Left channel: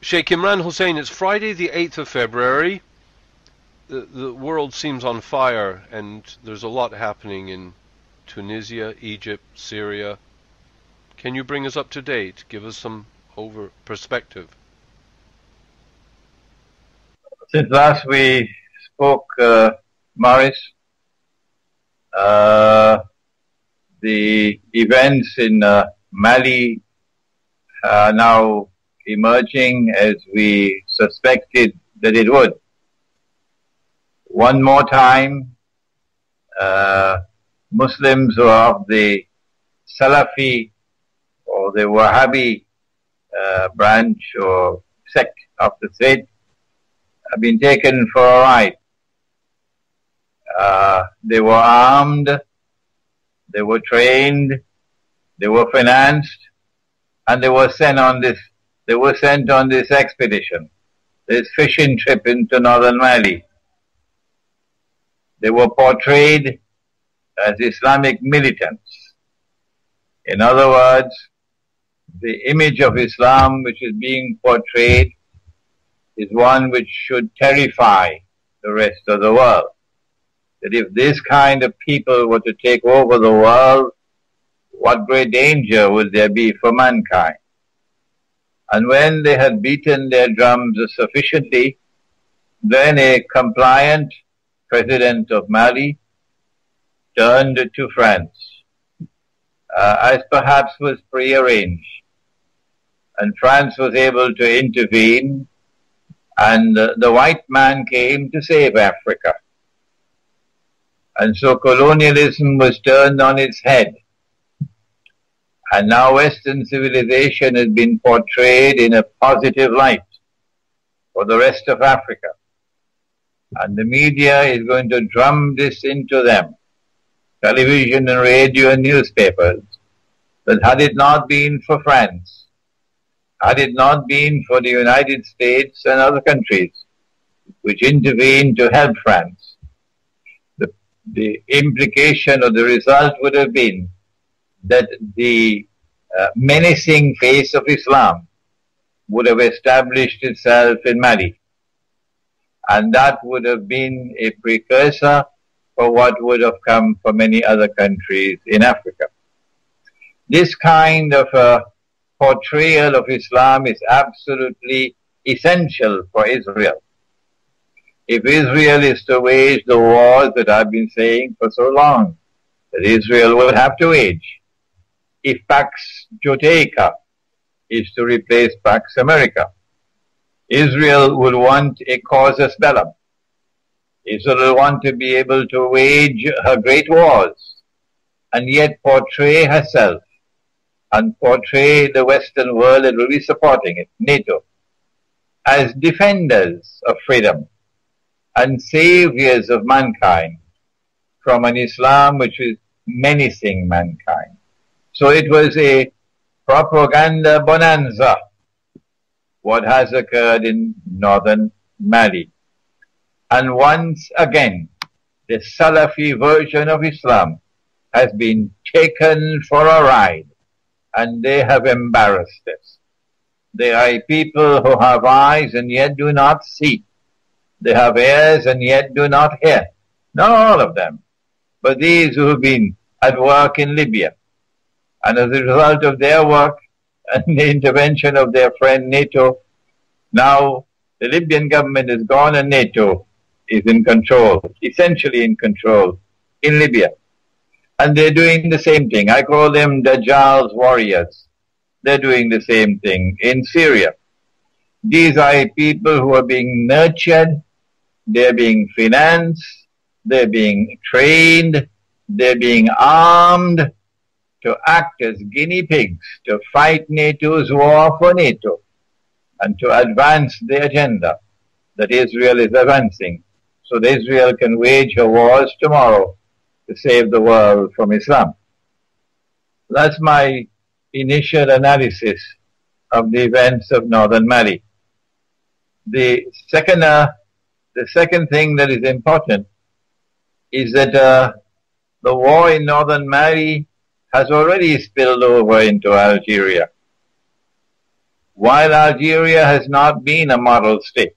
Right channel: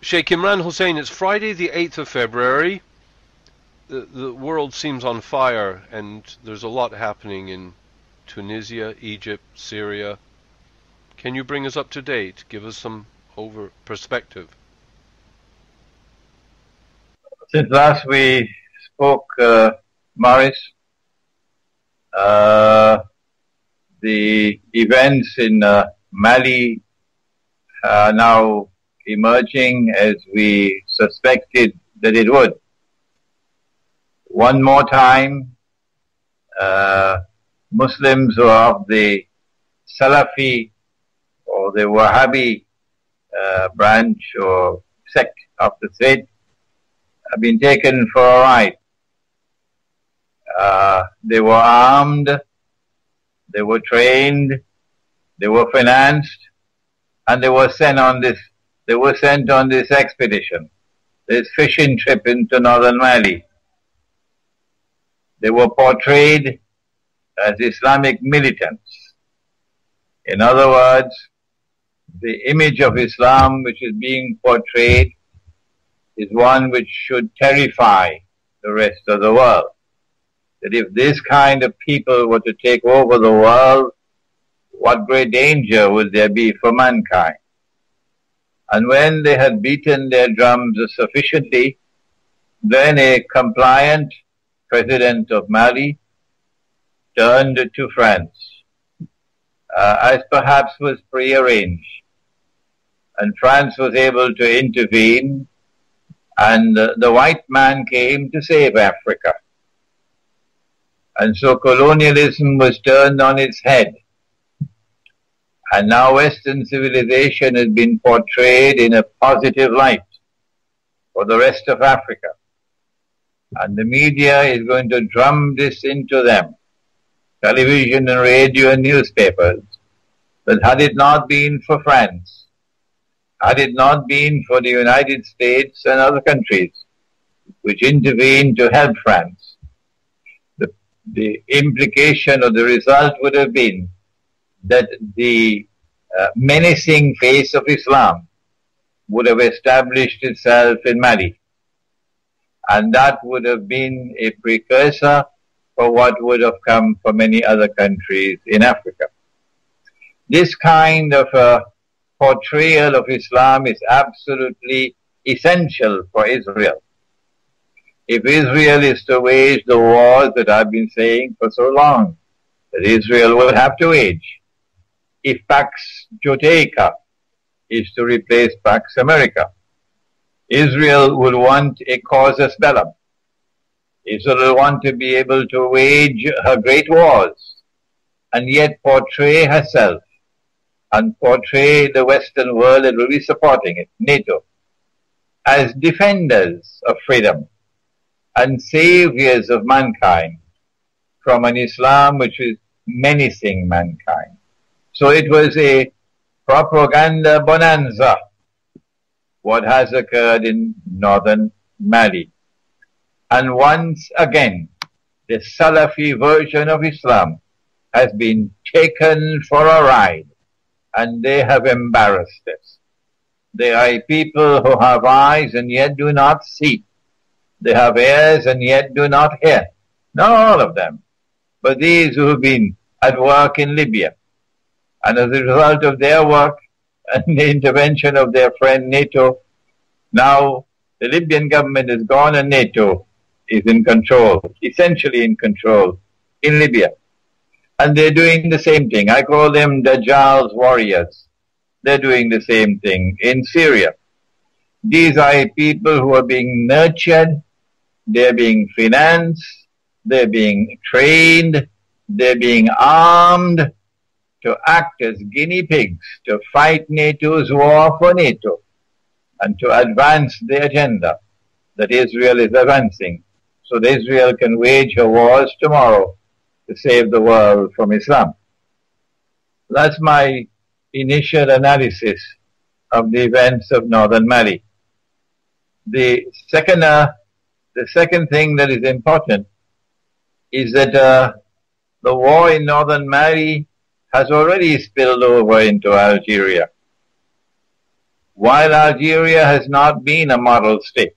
Sheikh Imran Hosein, it's Friday the 8th of February. The world seems on fire, and there's a lot happening in Tunisia, Egypt, Syria. Can you bring us up to date? Give us some perspective. Since last we spoke, Morris, the events in Mali are now emerging as we suspected that it would. One more time, Muslims who are of the Salafi or the Wahhabi branch or sect of the faith have been taken for a ride. They were armed, they were trained, they were financed, and they were sent on this expedition, this fishing trip into northern Mali. They were portrayed as Islamic militants. In other words, the image of Islam which is being portrayed is one which should terrify the rest of the world. That if this kind of people were to take over the world, what great danger would there be for mankind? And when they had beaten their drums sufficiently, then a compliant president of Mali turned to France, as perhaps was prearranged. And France was able to intervene, and the white man came to save Africa. And so colonialism was turned on its head. And now Western civilization has been portrayed in a positive light for the rest of Africa. And the media is going to drum this into them, television and radio and newspapers, that had it not been for France, had it not been for the United States and other countries which intervened to help France, the implication or the result would have been that the menacing face of Islam would have established itself in Mali. And that would have been a precursor for what would have come for many other countries in Africa. This kind of a portrayal of Islam is absolutely essential for Israel. If Israel is to wage the wars that I've been saying for so long, that Israel will have to wage, if Pax Judaica is to replace Pax America, Israel will want a casus bellum. Israel will want to be able to wage her great wars and yet portray herself and portray the Western world that will be supporting it, NATO, as defenders of freedom and saviors of mankind from an Islam which is menacing mankind. So it was a propaganda bonanza, what has occurred in northern Mali. And once again, the Salafi version of Islam has been taken for a ride, and they have embarrassed us. They are people who have eyes and yet do not see. They have ears and yet do not hear. Not all of them, but these who have been at work in Libya. And as a result of their work and the intervention of their friend NATO, now the Libyan government is gone and NATO is in control, essentially in control, in Libya. And they're doing the same thing. I call them Dajjal's warriors. They're doing the same thing in Syria. These are people who are being nurtured, they're being financed, they're being trained, they're being armed to act as guinea pigs to fight NATO's war for NATO and to advance the agenda that Israel is advancing, so that Israel can wage her wars tomorrow to save the world from Islam. That's my initial analysis of the events of northern Mali. The second thing that is important is that the war in northern Mali has already spilled over into Algeria. while Algeria has not been a model state,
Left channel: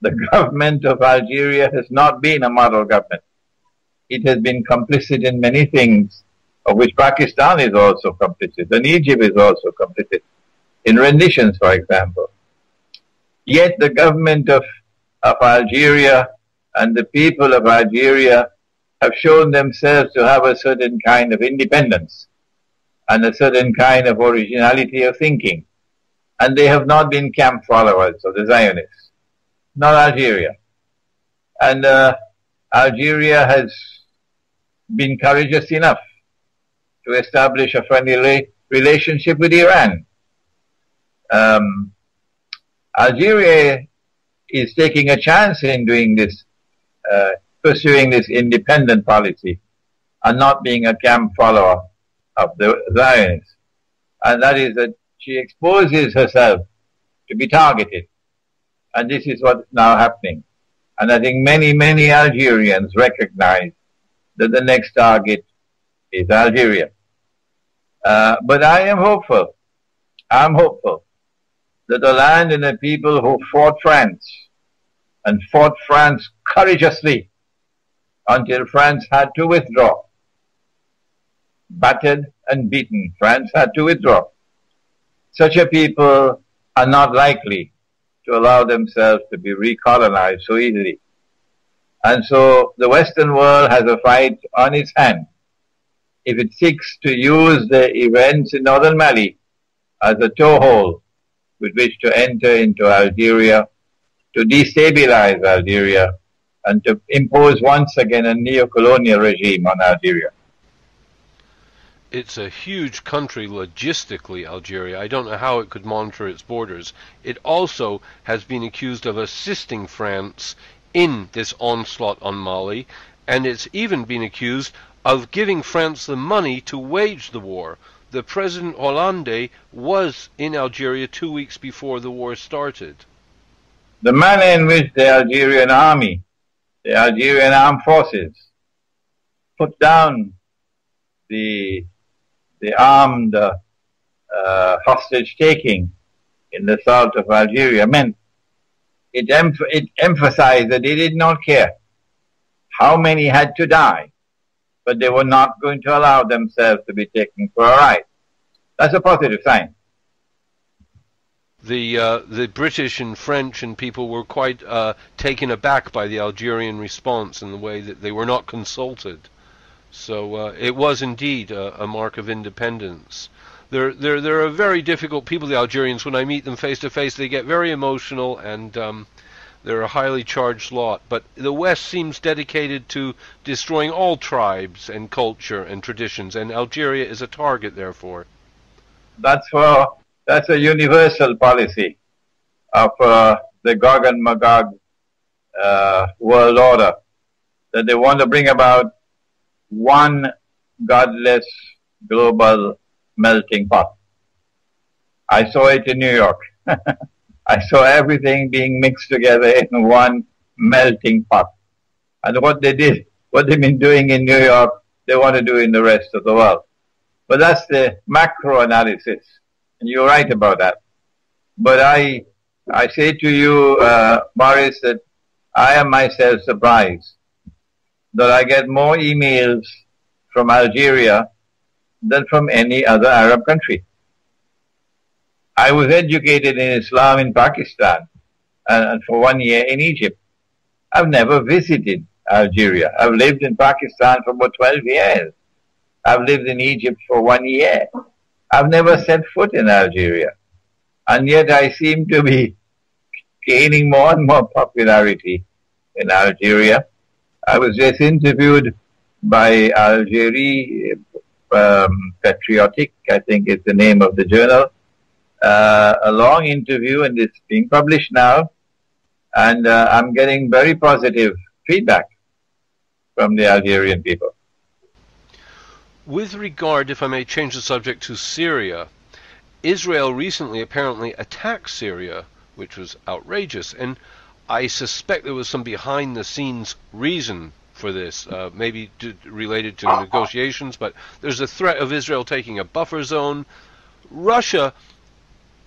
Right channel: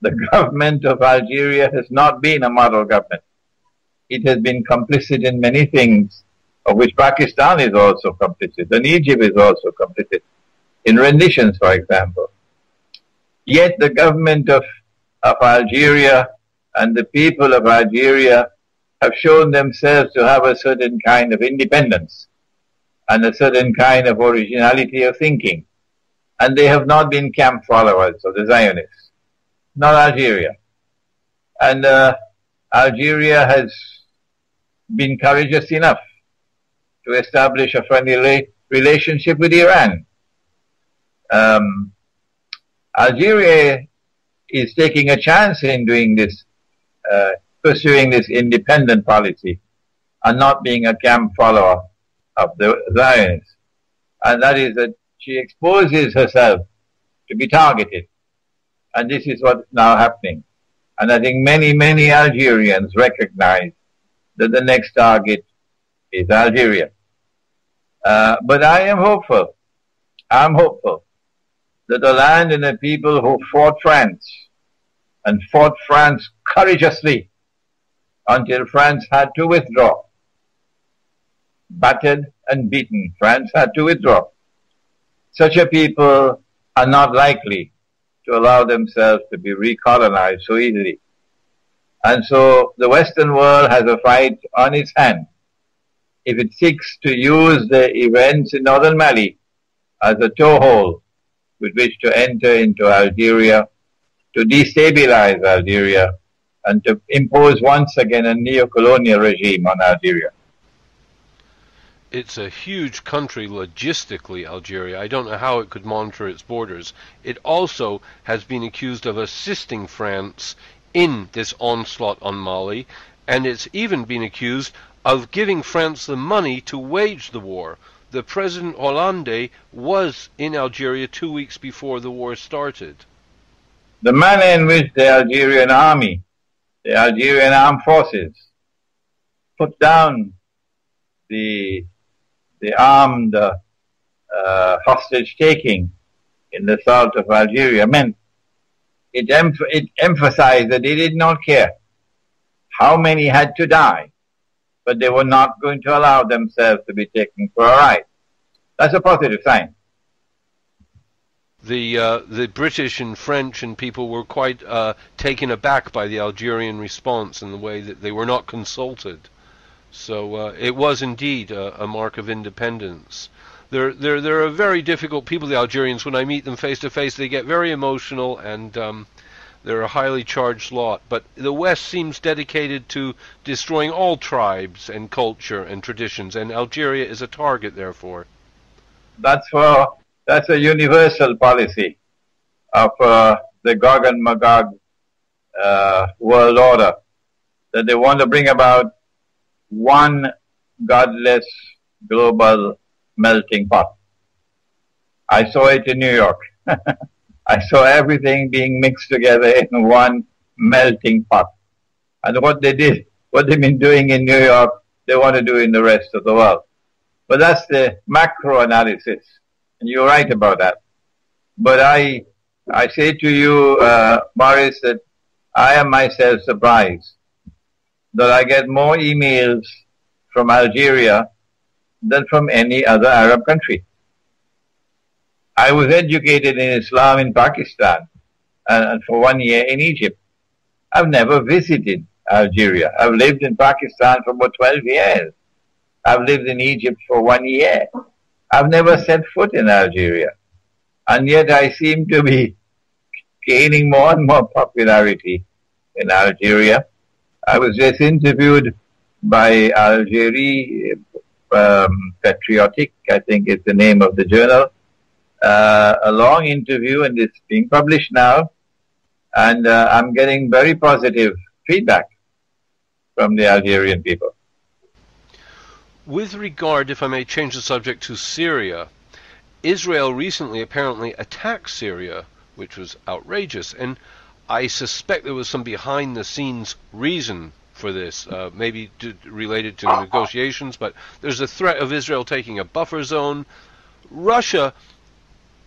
the government of Algeria has not been a model government. It has been complicit in many things, of which Pakistan is also complicit, and Egypt is also complicit, in renditions, for example. Yet the government of Algeria and the people of Algeria have shown themselves to have a certain kind of independence and a certain kind of originality of thinking. And they have not been camp followers of the Zionists, not Algeria. And Algeria has been courageous enough to establish a friendly relationship with Iran. Algeria is taking a chance in doing this, pursuing this independent policy and not being a camp follower of the Zionists. And that is that she exposes herself to be targeted. And this is what's now happening. And I think many, many Algerians recognize that the next target is Algeria. But I am hopeful. I'm hopeful that the land and the people who fought France and fought France courageously until France had to withdraw, battered and beaten, France had to withdraw. Such a people are not likely to allow themselves to be recolonized so easily. And so the Western world has a fight on its hands if it seeks to use the events in northern Mali as a toehold with which to enter into Algeria, to destabilize Algeria, and to impose once again a neo-colonial regime on Algeria. It's a huge country logistically, Algeria. I don't know how it could monitor its borders. It also has been accused of assisting France in this onslaught on Mali, and it's even been accused of giving France the money to wage the war. The President Hollande was in Algeria 2 weeks before the war started. The manner in which the Algerian army, the Algerian armed forces, put down the armed hostage-taking in the south of Algeria meant it emphasized that they did not care how many had to die, but they were not going to allow themselves to be taken for a ride. That's a positive sign. The British and French and people were quite taken aback by the Algerian response in the way that they were not consulted. So it was indeed a mark of independence. They're a very difficult people, the Algerians. When I meet them face to face, they get very emotional, and they're a highly charged lot. But the West seems dedicated to destroying all tribes and culture and traditions, and Algeria is a target, therefore. That's a universal policy of the Gog and Magog world order, that they want to bring about one godless global melting pot. I saw it in New York. I saw everything being mixed together in one melting pot. And what they've been doing in New York, they want to do in the rest of the world. But that's the macro analysis. And you're right about that. But I say to you, Boris, that I am myself surprised that I get more emails from Algeria than from any other Arab country. I was educated in Islam in Pakistan and for 1 year in Egypt. I've never visited Algeria. I've lived in Pakistan for about 12 years. I've lived in Egypt for 1 year. I've never set foot in Algeria. And yet I seem to be gaining more and more popularity in Algeria. I was just interviewed by Algérie Patriotic, I think is the name of the journal. A long interview, and it's being published now. And I'm getting very positive feedback from the Algerian people. With regard, if I may change the subject, to Syria, Israel recently apparently attacked Syria, which was outrageous, and I suspect there was some behind-the-scenes reason for this, maybe related to negotiations, but there's a threat of Israel taking a buffer zone. Russia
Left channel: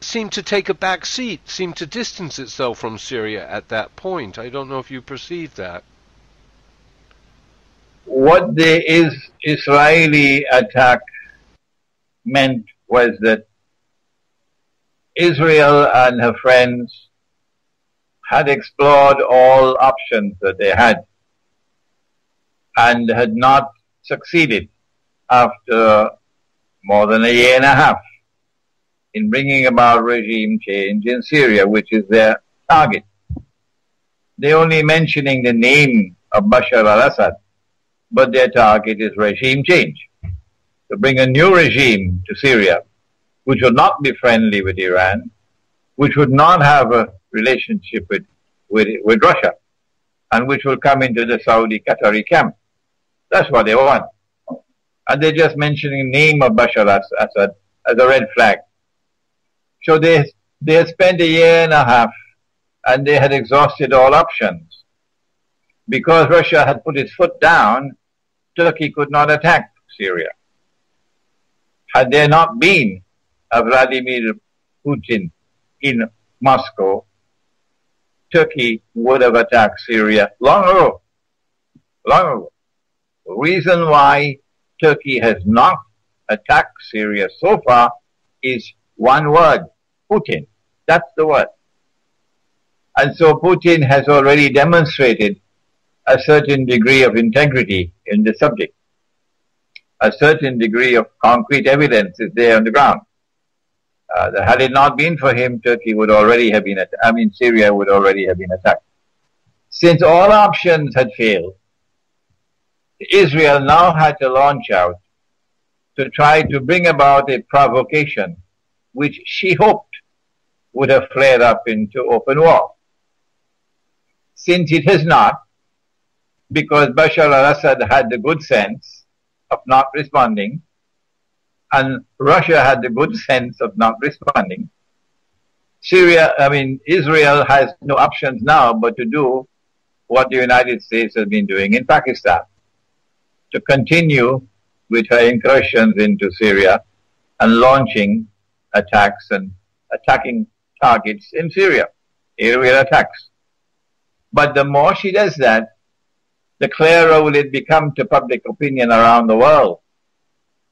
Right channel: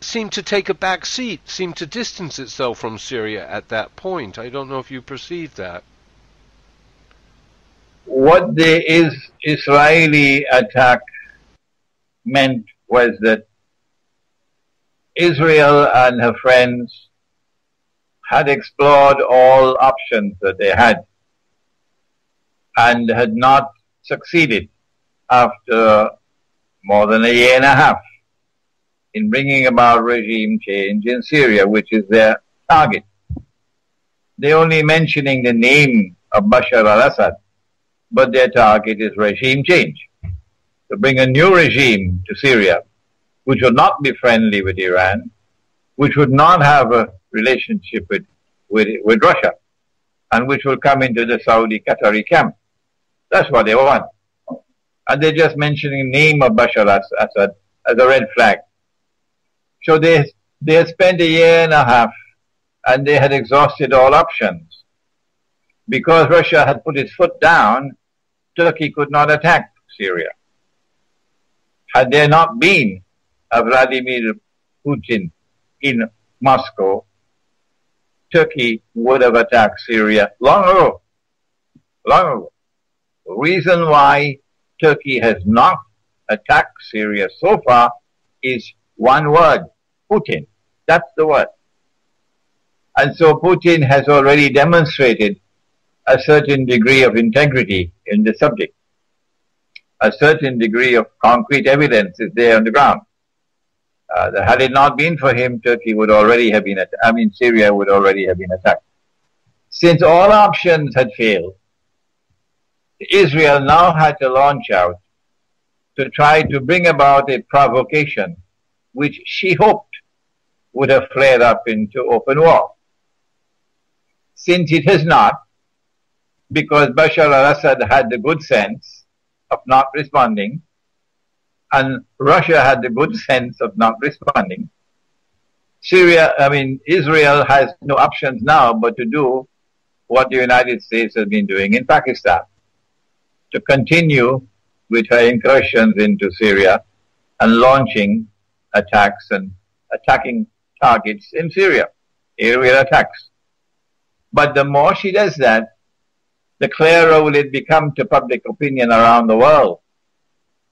seemed to take a back seat, seemed to distance itself from Syria at that point. I don't know if you perceived that. What the Israeli attack meant was that Israel and her friends had explored all options that they had and had not succeeded after more than a year and a half in bringing about regime change in Syria, which is their target. They're only mentioning the name of Bashar al-Assad, but their target is regime change. To bring a new regime to Syria, which would not be friendly with Iran, which would not have a relationship with Russia, and which will come into the Saudi-Qatari camp. That's what they want. And they're just mentioning the name of Bashar al-Assad as a red flag. So they spent a year and a half, and they had exhausted all options. Because Russia had put its foot down, Turkey could not attack Syria. Had there not been a Vladimir Putin in Moscow, Turkey would have attacked Syria long ago. Long ago. The reason why Turkey has not attacked Syria so far is one word: Putin. That's the word. And so Putin has already demonstrated a certain degree of integrity in the subject. A certain degree of concrete evidence is there on the ground. Had it not been for him, Turkey would already have been Syria would already have been attacked. Since all options had failed, Israel now had to launch out to try to bring about a provocation which she hoped would have flared up into open war. Since it has not, because Bashar al-Assad had the good sense of not responding, and Russia had the good sense of not responding, Israel has no options now but to do what the United States has been doing in Pakistan, to continue with her incursions into Syria and launching attacks and attacking targets in Syria, aerial attacks. But the more she does that, the clearer will it become to public opinion around the world.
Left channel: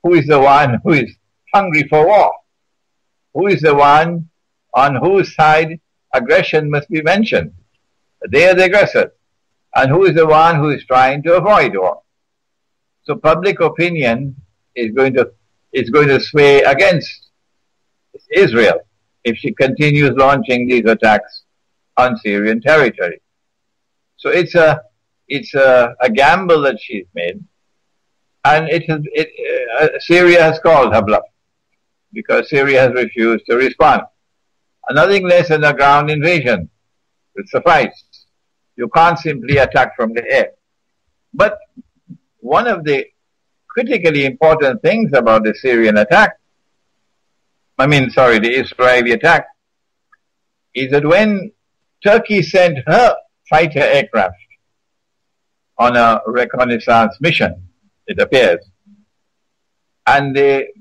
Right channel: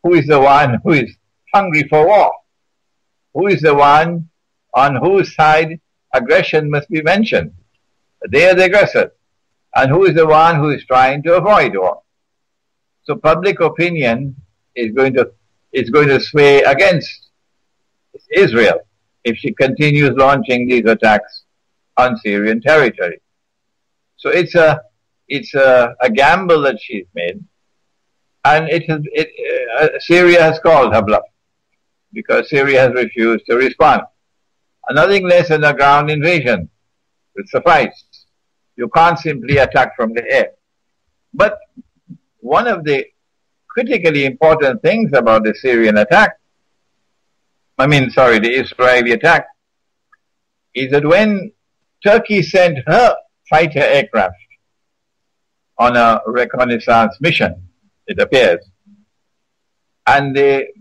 Who is the one who is hungry for war? Who is the one on whose side aggression must be mentioned? They are the aggressors. And who is the one who is trying to avoid war? So public opinion is going to sway against Israel if she continues launching these attacks on Syrian territory. So it's a gamble that she's made, and Syria has called her bluff because Syria has refused to respond. And nothing less than a ground invasion would suffice. You can't simply attack from the air. But one of the critically important things about the Israeli attack, is that when Turkey sent her fighter aircraft on a reconnaissance mission, it appears, and they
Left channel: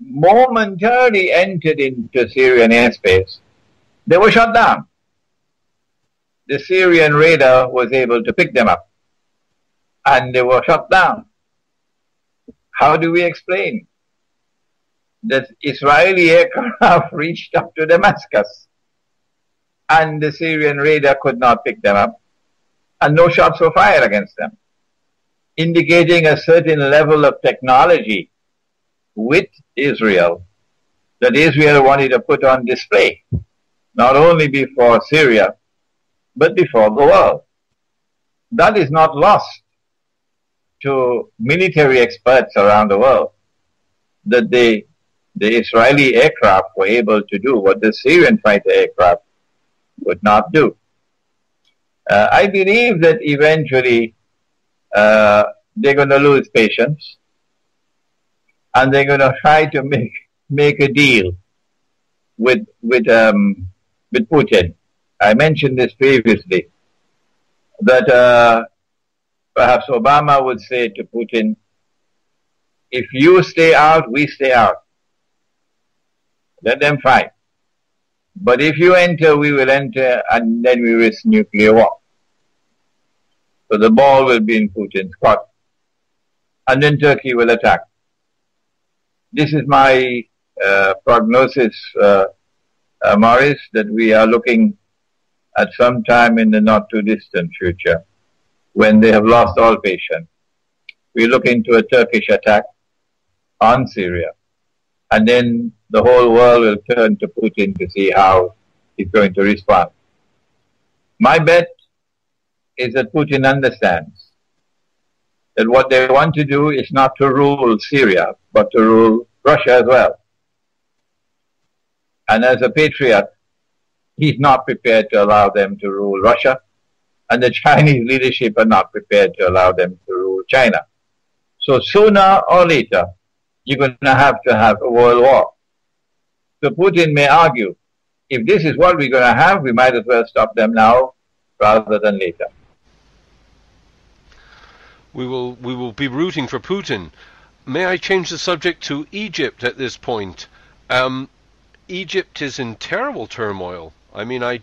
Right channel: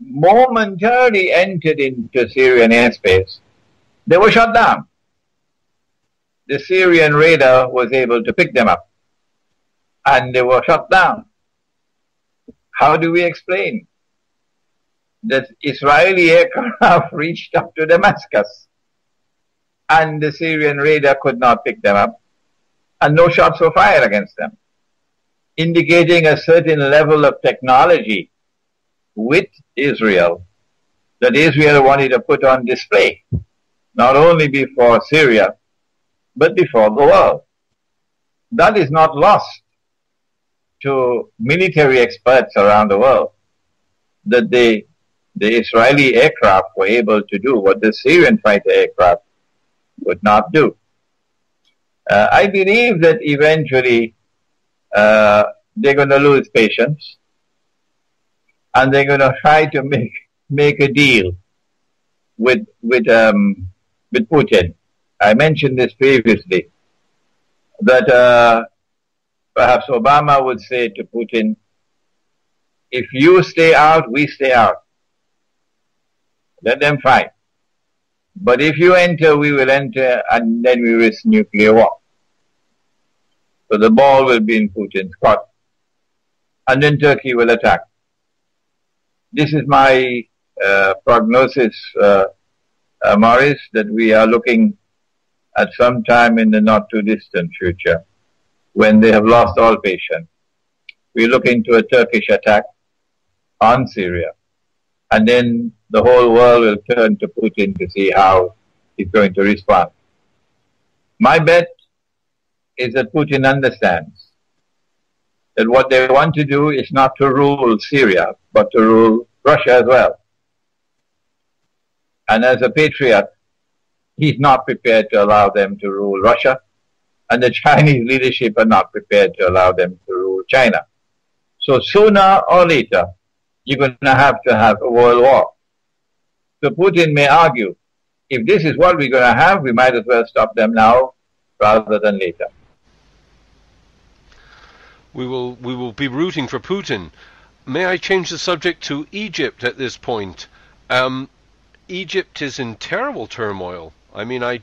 momentarily entered into Syrian airspace, they were shot down. The Syrian radar was able to pick them up, and they were shot down. How do we explain that Israeli aircraft reached up to Damascus and the Syrian radar could not pick them up, and no shots were fired against them, indicating a certain level of technology with Israel that Israel wanted to put on display, not only before Syria, but before the world. That is not lost to military experts around the world, that the Israeli aircraft were able to do what the Syrian fighter aircraft would not do. I believe that eventually they're going to lose patience, and they're going to try to make a deal with Putin. I mentioned this previously, that perhaps Obama would say to Putin, if you stay out, we stay out. Let them fight. But if you enter, we will enter, and then we risk nuclear war. So the ball will be in Putin's court. And then Turkey will attack. This is my prognosis, Maurice, that we are looking at some time in the not too distant future when they have lost all patience. We're looking to a Turkish attack on Syria. And then the whole world will turn to Putin to see how he's going to respond. My bet is that Putin understands that what they want to do is not to rule Syria, but to rule Russia as well. And as a patriot, he's not prepared to allow them to rule Russia, and the Chinese leadership are not prepared to allow them to rule China. So sooner or later, you're going to have a world war. So Putin may argue, if this is what we're going to have, we might as well stop them now rather than later. We will be rooting for Putin. May I change the subject to Egypt at this point? Egypt is in terrible turmoil. I mean, I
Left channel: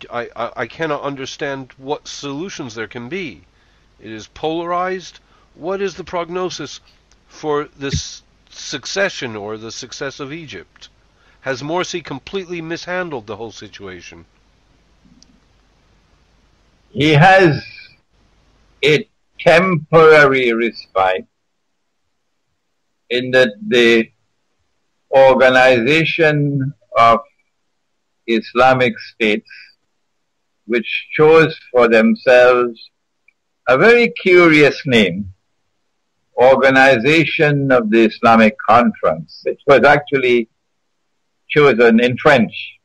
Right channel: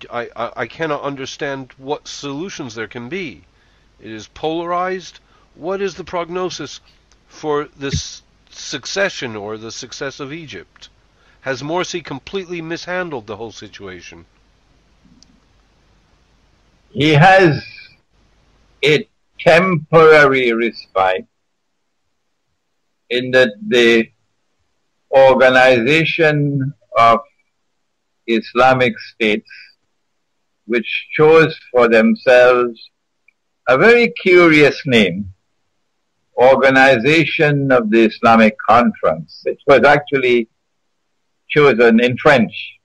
cannot understand what solutions there can be. It is polarized. What is the prognosis for this succession or the success of Egypt? Has Morsi completely mishandled the whole situation? He has a temporary respite in that the organization of Islamic states, which chose for themselves a very curious name, Organization of the Islamic Conference. It was actually chosen in French,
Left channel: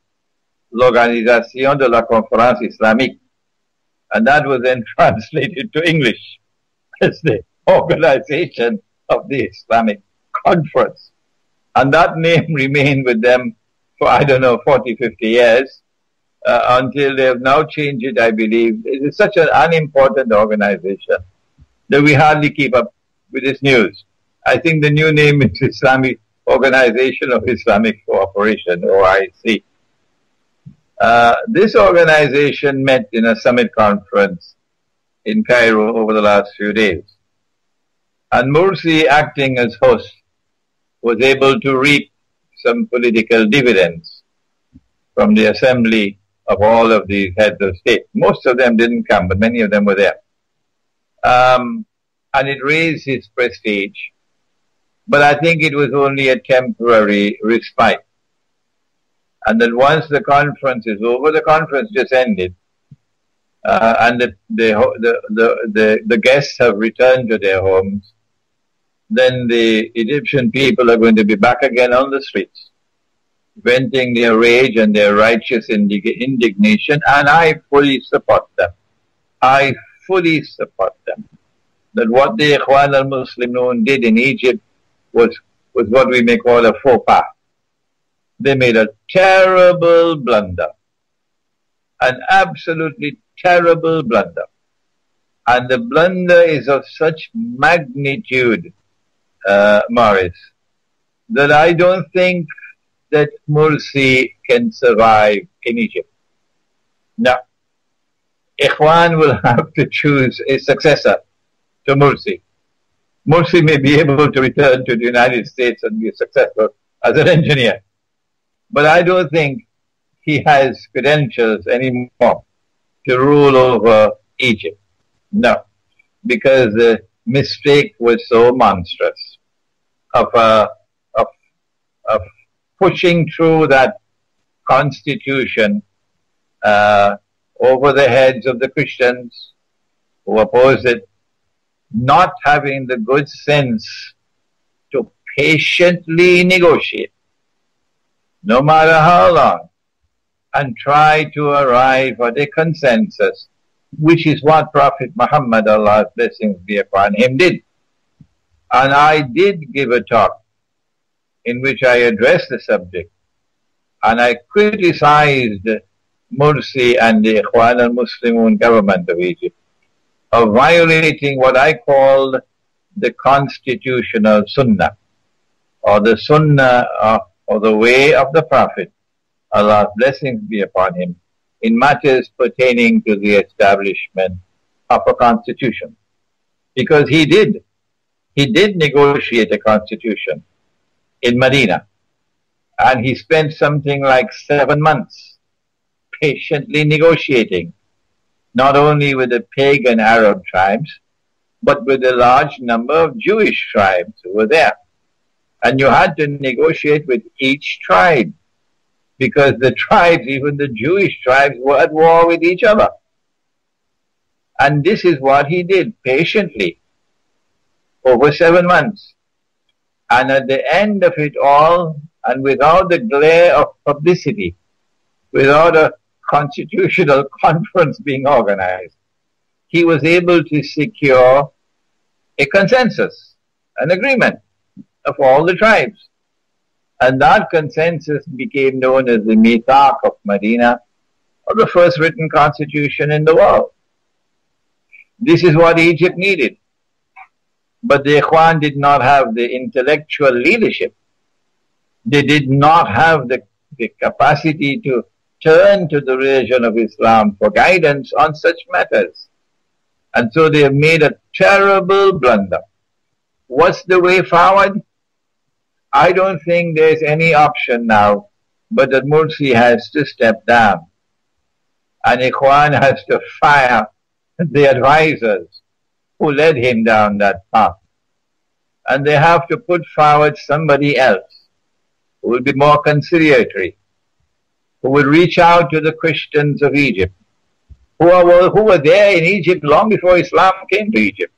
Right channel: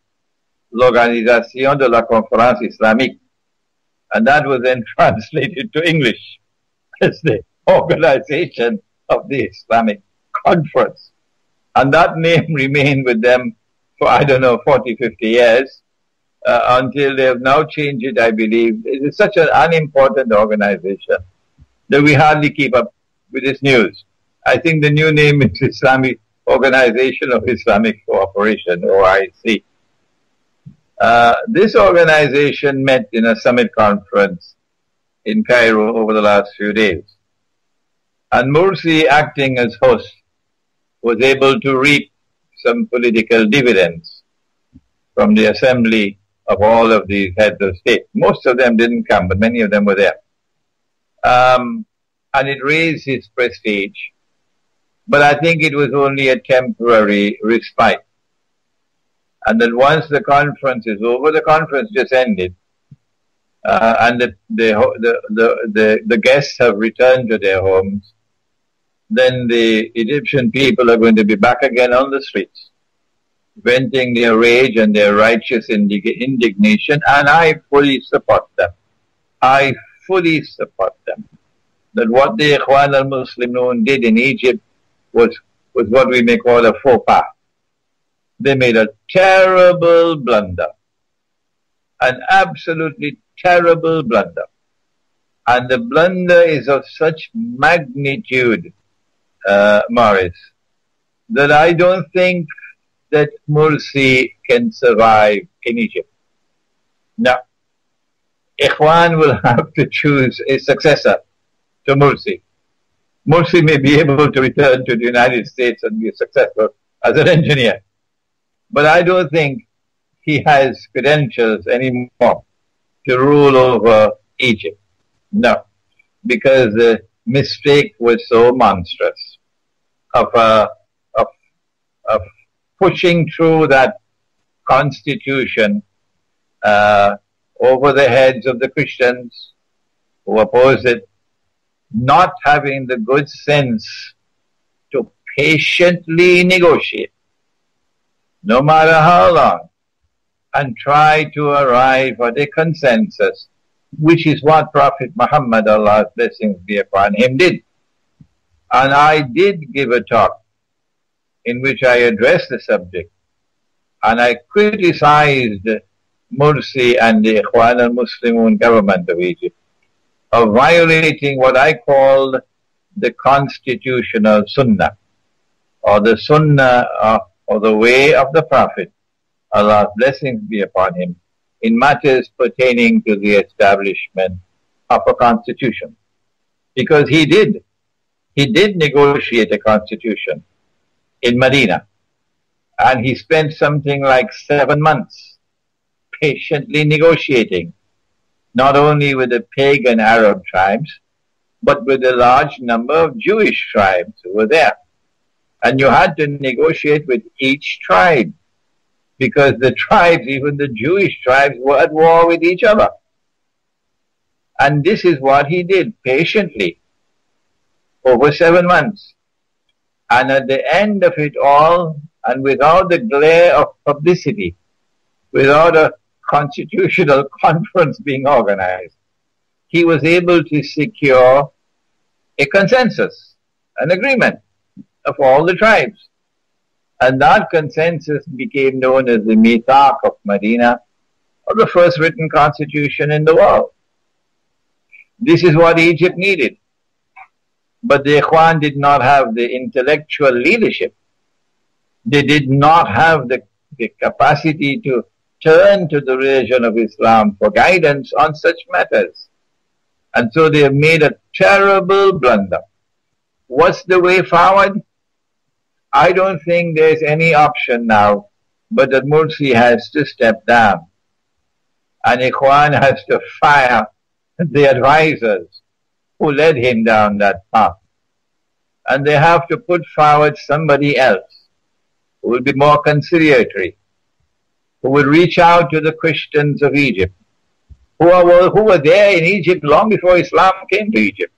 L'Organisation de la Conférence Islamique, and that was then translated to English as the Organization of the Islamic Conference. And that name remained with them for, 40, 50 years, until they have now changed it, I believe. It is such an unimportant organization that we hardly keep up with this news. I think the new name is Islamic Organization of Islamic Cooperation, OIC. This organization met in a summit conference in Cairo over the last few days. And Morsi, acting as host, was able to reap some political dividends from the assembly of all of these heads of state. Most of them didn't come, but many of them were there. And it raised his prestige. But I think it was only a temporary respite. And then once the conference is over, the conference just ended, and the guests have returned to their homes, then the Egyptian people are going to be back again on the streets, venting their rage and their righteous indignation, and I fully support them. I fully support them. That what the Ikhwan al-Muslimun did in Egypt was what we may call a faux pas. They made a terrible blunder, an absolutely terrible blunder. And the blunder is of such magnitude, Morris, that I don't think that Morsi can survive in Egypt. Now, Ikhwan will have to choose a successor to Morsi. Morsi may be able to return to the United States and be successful as an engineer. But I don't think he has credentials anymore to rule over Egypt. No, because the mistake was so monstrous of pushing through that constitution over the heads of the Christians who opposed it, not having the good sense to patiently negotiate, no matter how long, and try to arrive at a consensus, which is what Prophet Muhammad, Allah's blessings be upon him, did. And I did give a talk in which I addressed the subject, and I criticized Morsi and the Ikhwan al-Muslimun government of Egypt of violating what I called the constitutional sunnah, or the sunnah or the way of the Prophet, Allah's blessings be upon him, in matters pertaining to the establishment of a constitution. Because he did negotiate a constitution in Medina. And he spent something like 7 months patiently negotiating, not only with the pagan Arab tribes, but with a large number of Jewish tribes who were there. And you had to negotiate with each tribe, because the tribes, even the Jewish tribes, were at war with each other. And this is what he did patiently over 7 months. And at the end of it all, and without the glare of publicity, without a constitutional conference being organized, he was able to secure a consensus, an agreement of all the tribes. And that consensus became known as the Mithaq of Medina, or the first written constitution in the world. This is what Egypt needed. But the Ikhwan did not have the intellectual leadership. They did not have the capacity to turn to the religion of Islam for guidance on such matters. And so they have made a terrible blunder. What's the way forward? I don't think there's any option now, but that Mursi has to step down. And Ikhwan has to fire the advisors who led him down that path. And they have to put forward somebody else who will be more conciliatory, who will reach out to the Christians of Egypt, who were there in Egypt long before Islam came to Egypt.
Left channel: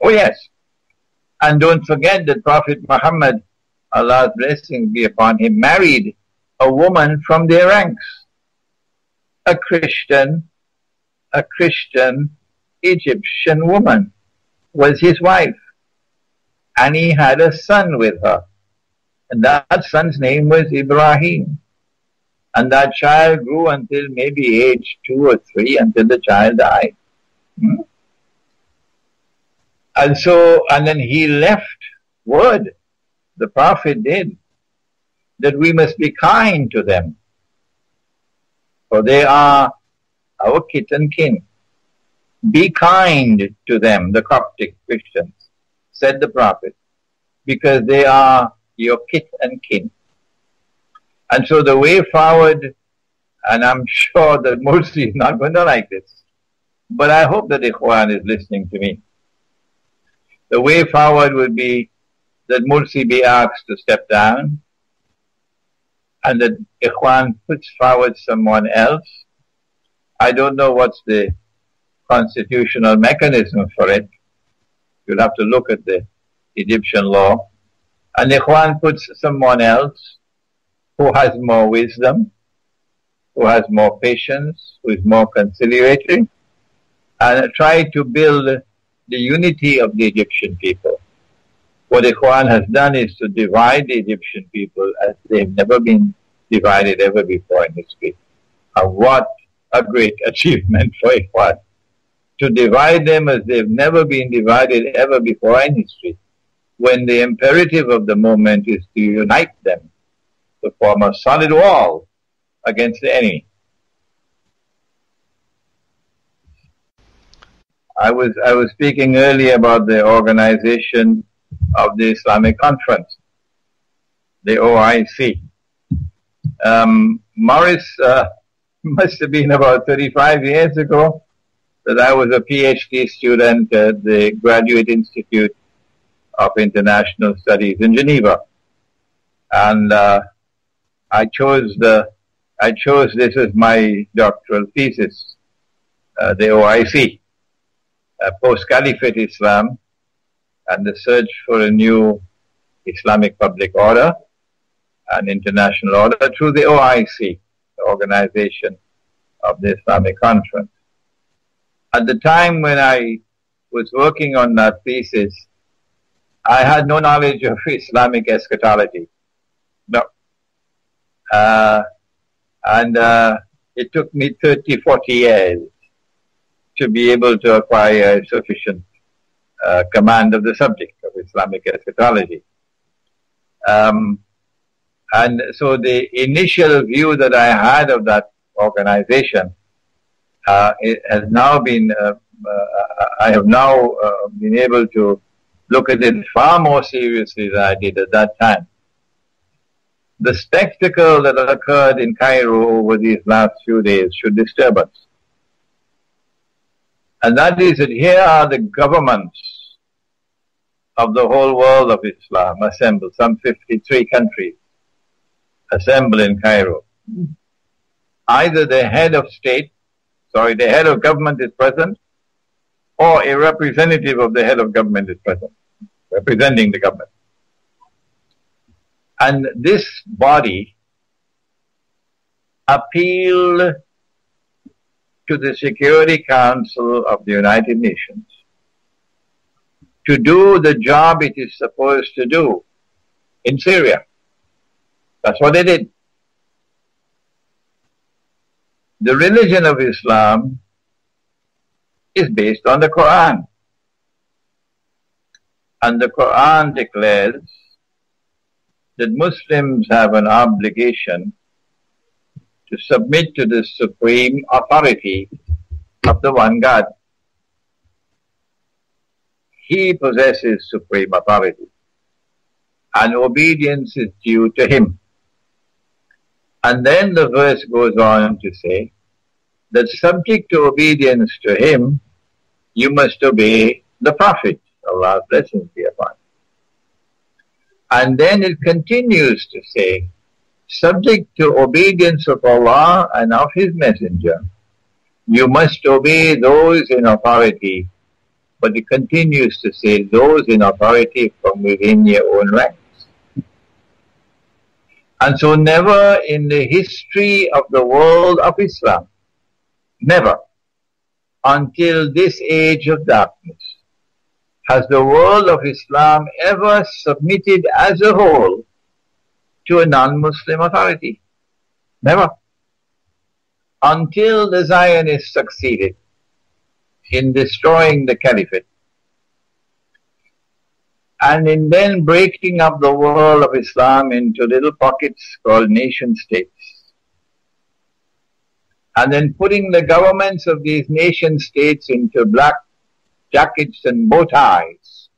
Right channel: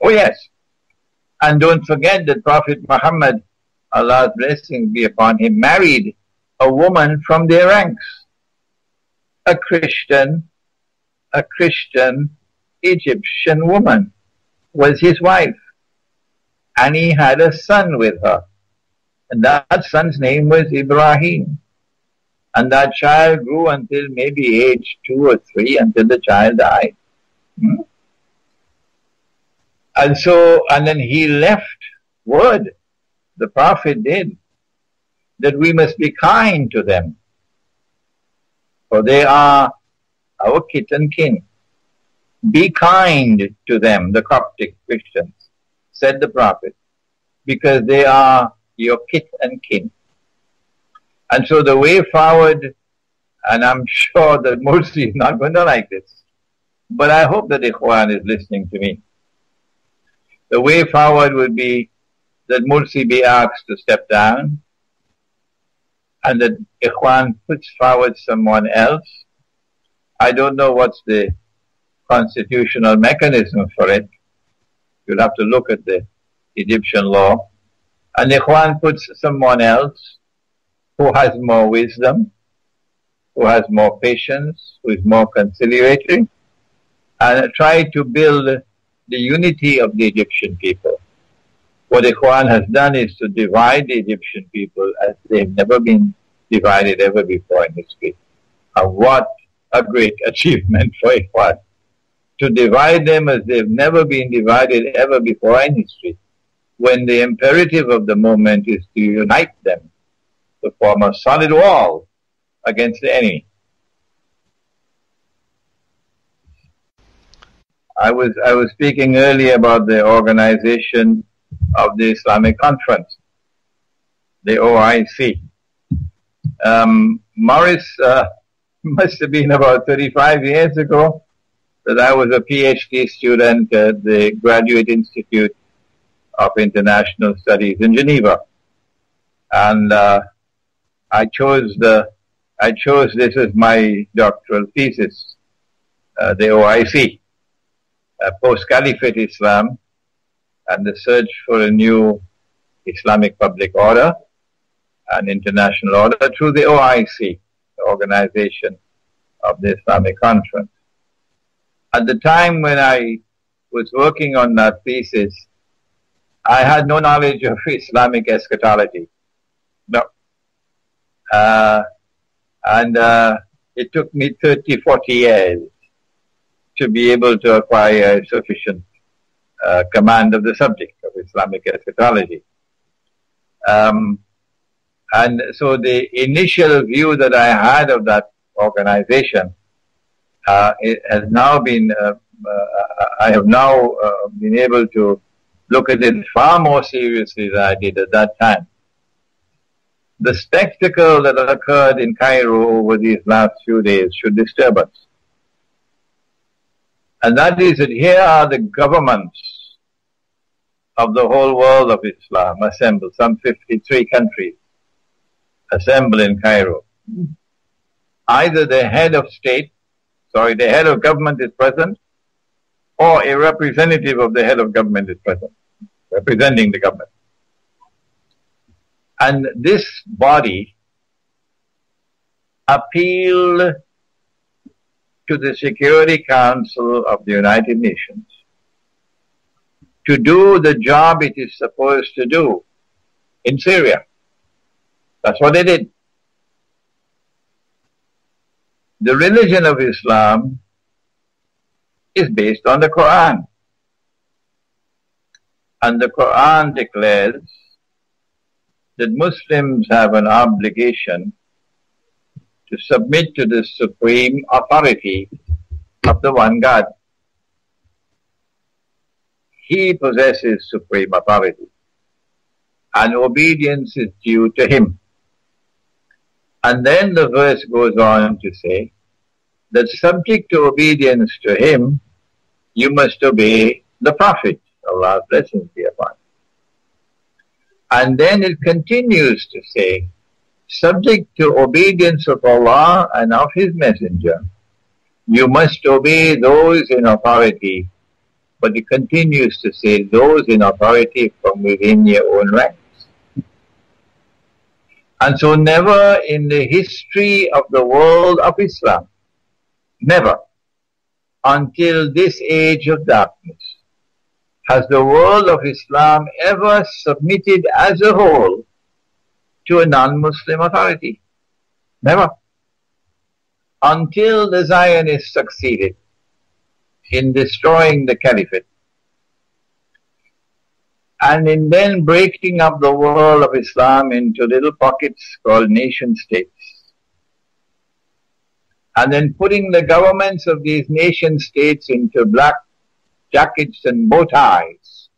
Oh yes. And don't forget that Prophet Muhammad, Allah's blessings be upon him, married a woman from their ranks. A Christian Egyptian woman was his wife. And he had a son with her. And that son's name was Ibrahim. And that child grew until maybe age 2 or 3, until the child died. And then he left word, the Prophet did, that we must be kind to them, for they are our kith and kin. Be kind to them, the Coptic Christians, said the Prophet, because they are your kith and kin. And so the way forward, and I'm sure that Mursi is not going to like this, but I hope that Ikhwan is listening to me. The way forward would be that Mursi be asked to step down, and that Ikhwan puts forward someone else. I don't know what's the constitutional mechanism for it. You'll have to look at the Egyptian law. And Ikhwan puts someone else who has more wisdom, who has more patience, who is more conciliatory, and try to build the unity of the Egyptian people. What Ikhwan has done is to divide the Egyptian people as they've never been divided ever before in history. And what a great achievement for Ikhwan, to divide them as they've never been divided ever before in history, when the imperative of the moment is to unite them, to form a solid wall against the enemy. I was speaking earlier about the organization of the Islamic Conference, the OIC. Morris, must have been about 35 years ago that I was a PhD student at the Graduate Institute of International Studies in Geneva. And I chose this as my doctoral thesis, the OIC, post-Caliphate Islam and the search for a new Islamic public order and international order through the OIC, the Organization of the Islamic Conference. At the time when I was working on that thesis, I had no knowledge of Islamic eschatology. No. And it took me 30, 40 years to be able to acquire sufficient command of the subject of Islamic eschatology. And so the initial view that I had of that organization, it has now been, I have now been able to look at it far more seriously than I did at that time. The spectacle that occurred in Cairo over these last few days should disturb us. And that is that here are the governments of the whole world of Islam assembled, some 53 countries assembled in Cairo. Either the head of government is present, or a representative of the head of government is present, representing the government. And this body appealed to the Security Council of the United Nations to do the job it is supposed to do in Syria. That's what they did. The religion of Islam is based on the Quran. And the Quran declares that Muslims have an obligation to submit to the supreme authority of the one God. He possesses supreme authority, and obedience is due to him. And then the verse goes on to say that subject to obedience to him, you must obey the Prophet, Allah's blessings be upon him. And then it continues to say, subject to obedience of Allah and of His Messenger, you must obey those in authority. But it continues to say, those in authority from within your own ranks. And so never in the history of the world of Islam, never, until this age of darkness, has the world of Islam ever submitted as a whole to a non-Muslim authority. Never. Until the Zionists succeeded in destroying the caliphate and in then breaking up the world of Islam into little pockets called nation states, and then putting the governments of these nation states into black jackets and bow ties,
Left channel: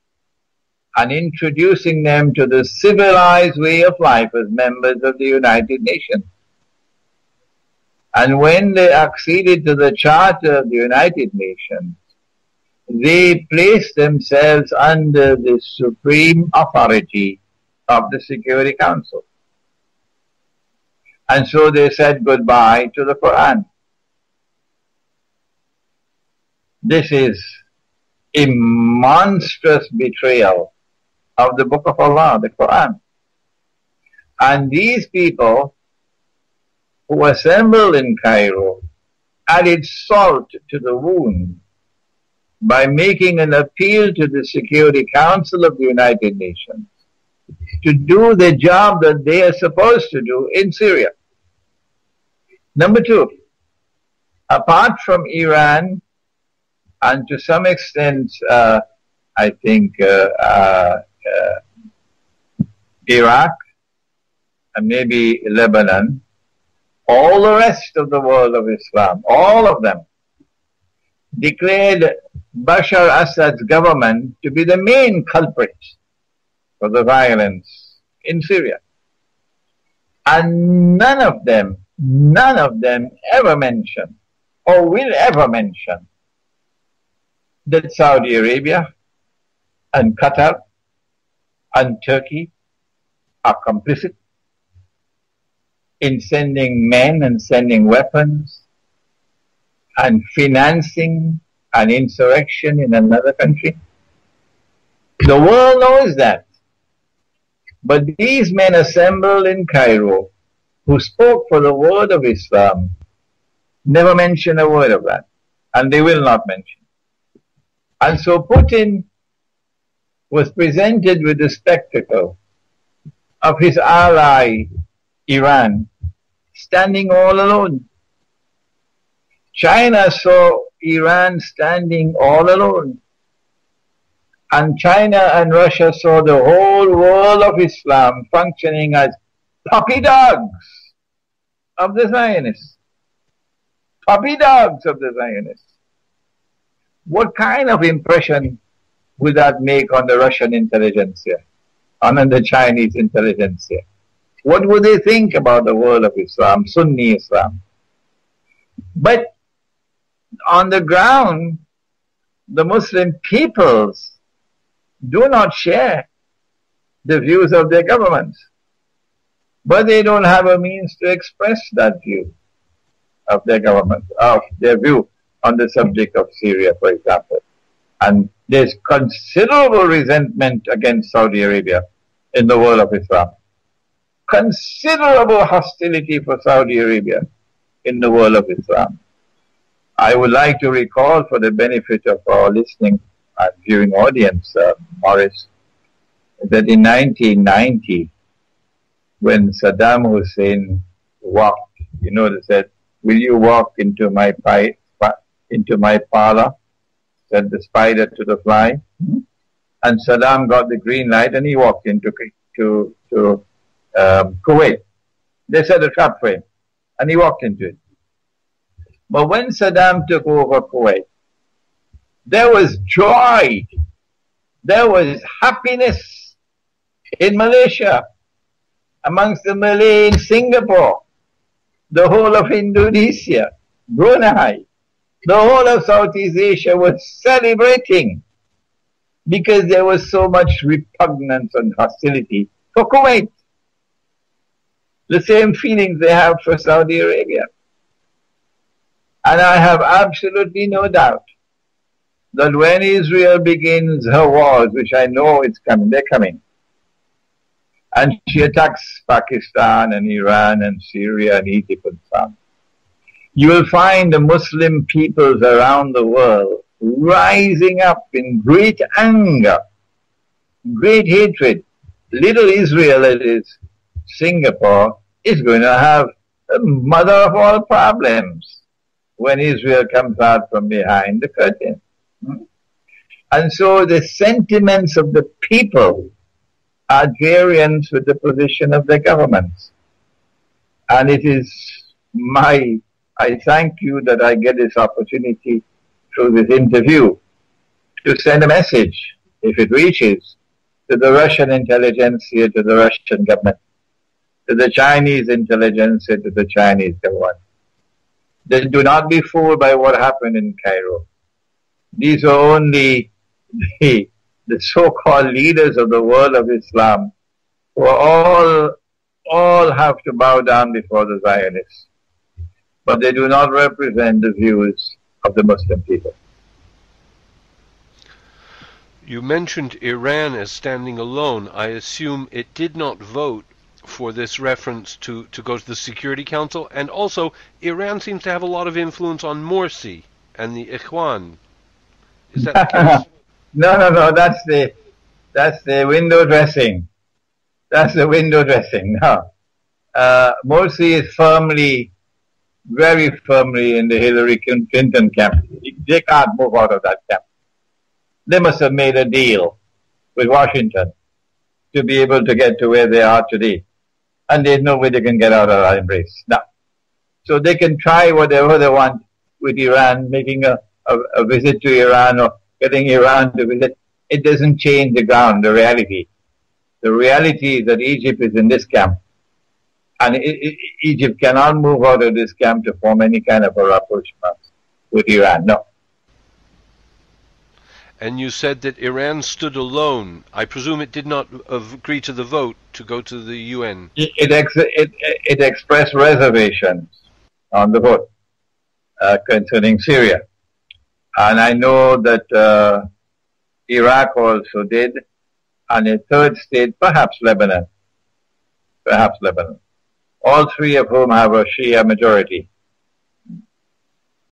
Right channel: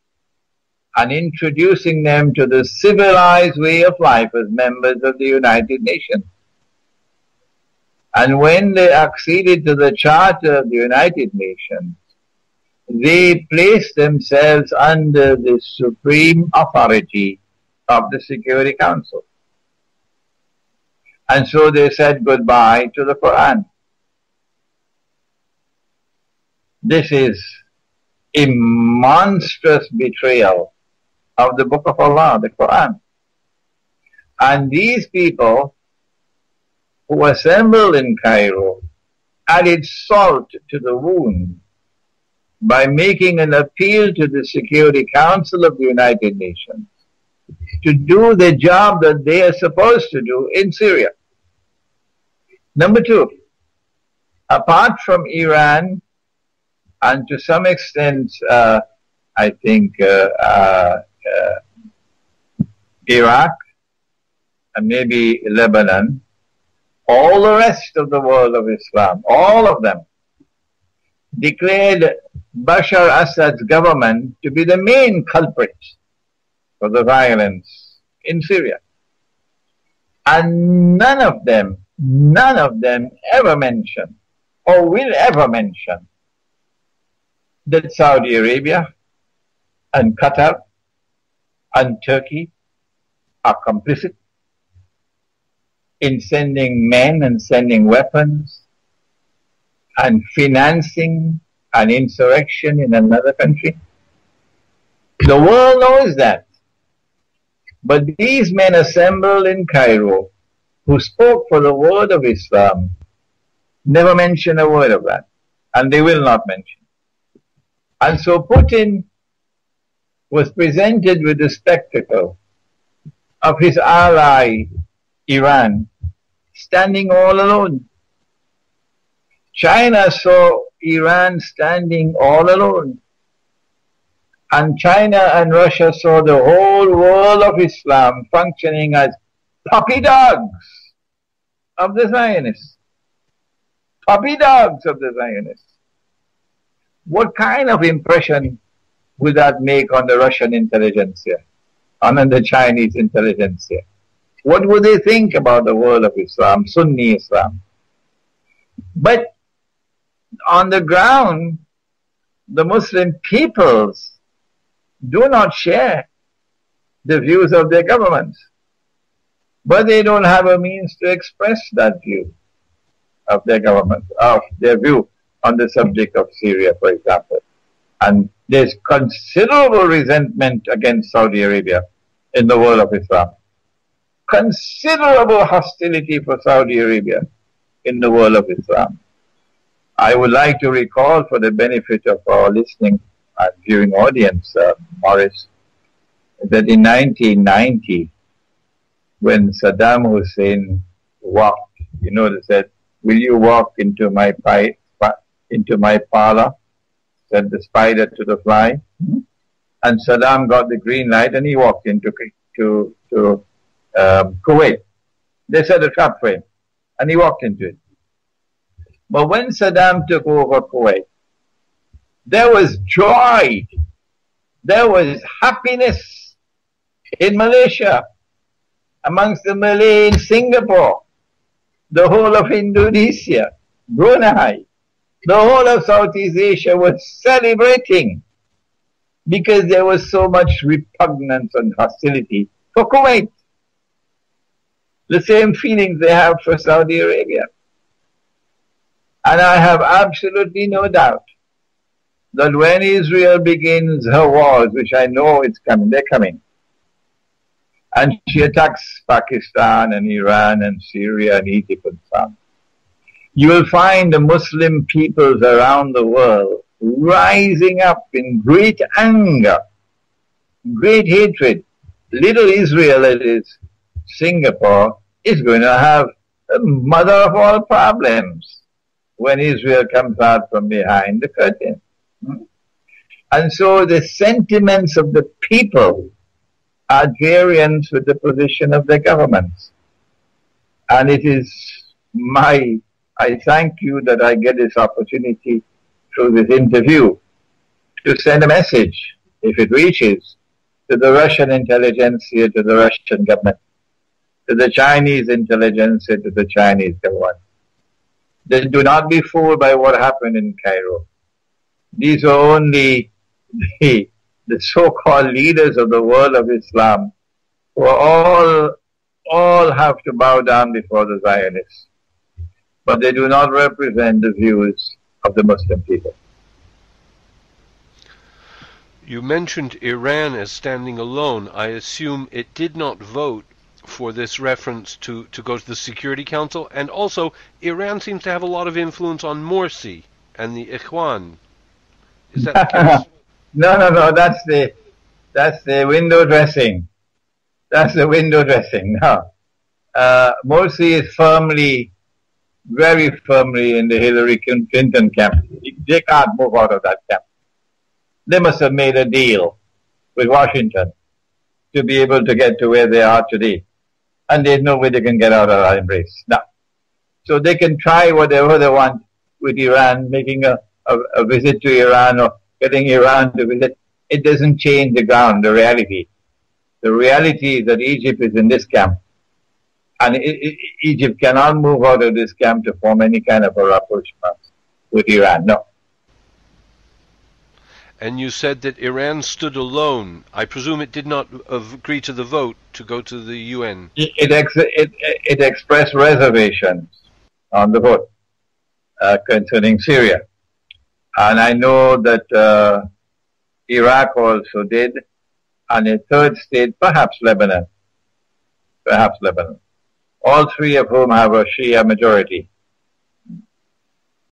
and introducing them to the civilized way of life as members of the United Nations. And when they acceded to the Charter of the United Nations, they placed themselves under the supreme authority of the Security Council. And so they said goodbye to the Quran. This is a monstrous betrayal of the Book of Allah, the Quran. And these people who assembled in Cairo added salt to the wound by making an appeal to the Security Council of the United Nations to do the job that they are supposed to do in Syria. Number two, apart from Iran and to some extent, I think, Iraq and maybe Lebanon, all the rest of the world of Islam, all of them, declared Bashar Assad's government to be the main culprit for the violence in Syria. And none of them ever mentioned or will ever mention that Saudi Arabia and Qatar and Turkey are complicit in sending men and sending weapons and financing an insurrection in another country. The world knows that. But these men assembled in Cairo who spoke for the word of Islam never mention a word of that. And they will not mention. And so Putin was presented with the spectacle of his ally, Iran, standing all alone. China saw Iran standing all alone. And China and Russia saw the whole world of Islam functioning as puppy dogs of the Zionists. Puppy dogs of the Zionists. What kind of impression would that make on the Russian intelligentsia, and on the Chinese intelligentsia? What would they think about the world of Islam, Sunni Islam? But on the ground, the Muslim peoples do not share the views of their governments. But they don't have a means to express that view of their government, of their view on the subject of Syria, for example. And there's considerable resentment against Saudi Arabia in the world of Islam. Considerable hostility for Saudi Arabia in the world of Islam. I would like to recall, for the benefit of our listening and viewing audience, Morris, that in 1990, when Saddam Hussein walked, they said, "Will you walk into my parlor?" Said the spider to the fly. And Saddam got the green light and he walked into Kuwait. They set a trap for him and he walked into it. But when Saddam took over Kuwait, there was joy, there was happiness in Malaysia, amongst the Malay in Singapore, the whole of Indonesia, Brunei, the whole of Southeast Asia was celebrating because there was so much repugnance and hostility for Kuwait. The same feelings they have for Saudi Arabia. And I have absolutely no doubt that when Israel begins her wars, which I know it's coming, they're coming, and she attacks Pakistan and Iran and Syria and Egypt and so on, you will find the Muslim peoples around the world rising up in great anger, great hatred. Little Israel, that is Singapore, is going to have the mother of all problems when Israel comes out from behind the curtain. And so the sentiments of the people are variant with the position of the governments. And it is I thank you that I get this opportunity through this interview to send a message, if it reaches, to the Russian intelligentsia, to the Russian government, to the Chinese intelligentsia, to the Chinese government. They do not be fooled by what happened in Cairo. These are only the so-called leaders of the world of Islam who all have to bow down before the Zionists. But they do not represent the views of the Muslim people. You mentioned Iran as standing alone. I assume it did not vote for this reference to go to the Security Council, and also Iran seems to have a lot of influence on Morsi and the Ikhwan. Is that the case? No, that's the window dressing. That's the window dressing. No. Morsi is very firmly in the Hillary Clinton camp. They can't move out of that camp. They must have made a deal with Washington to be able to get to where they are today. And there's no way they can get out of that embrace. No. So they can try whatever they want with Iran, making a visit to Iran or getting Iran to visit. It doesn't change the ground, the reality. The reality is that Egypt is in this camp. And Egypt cannot move out of this camp to form any kind of a rapprochement with Iran. No. And you said that Iran stood alone. I presume it did not agree to the vote to go to the UN. It expressed reservations on the vote concerning Syria. And I know that Iraq also did, and a third state, perhaps Lebanon. All three of whom have a Shia majority.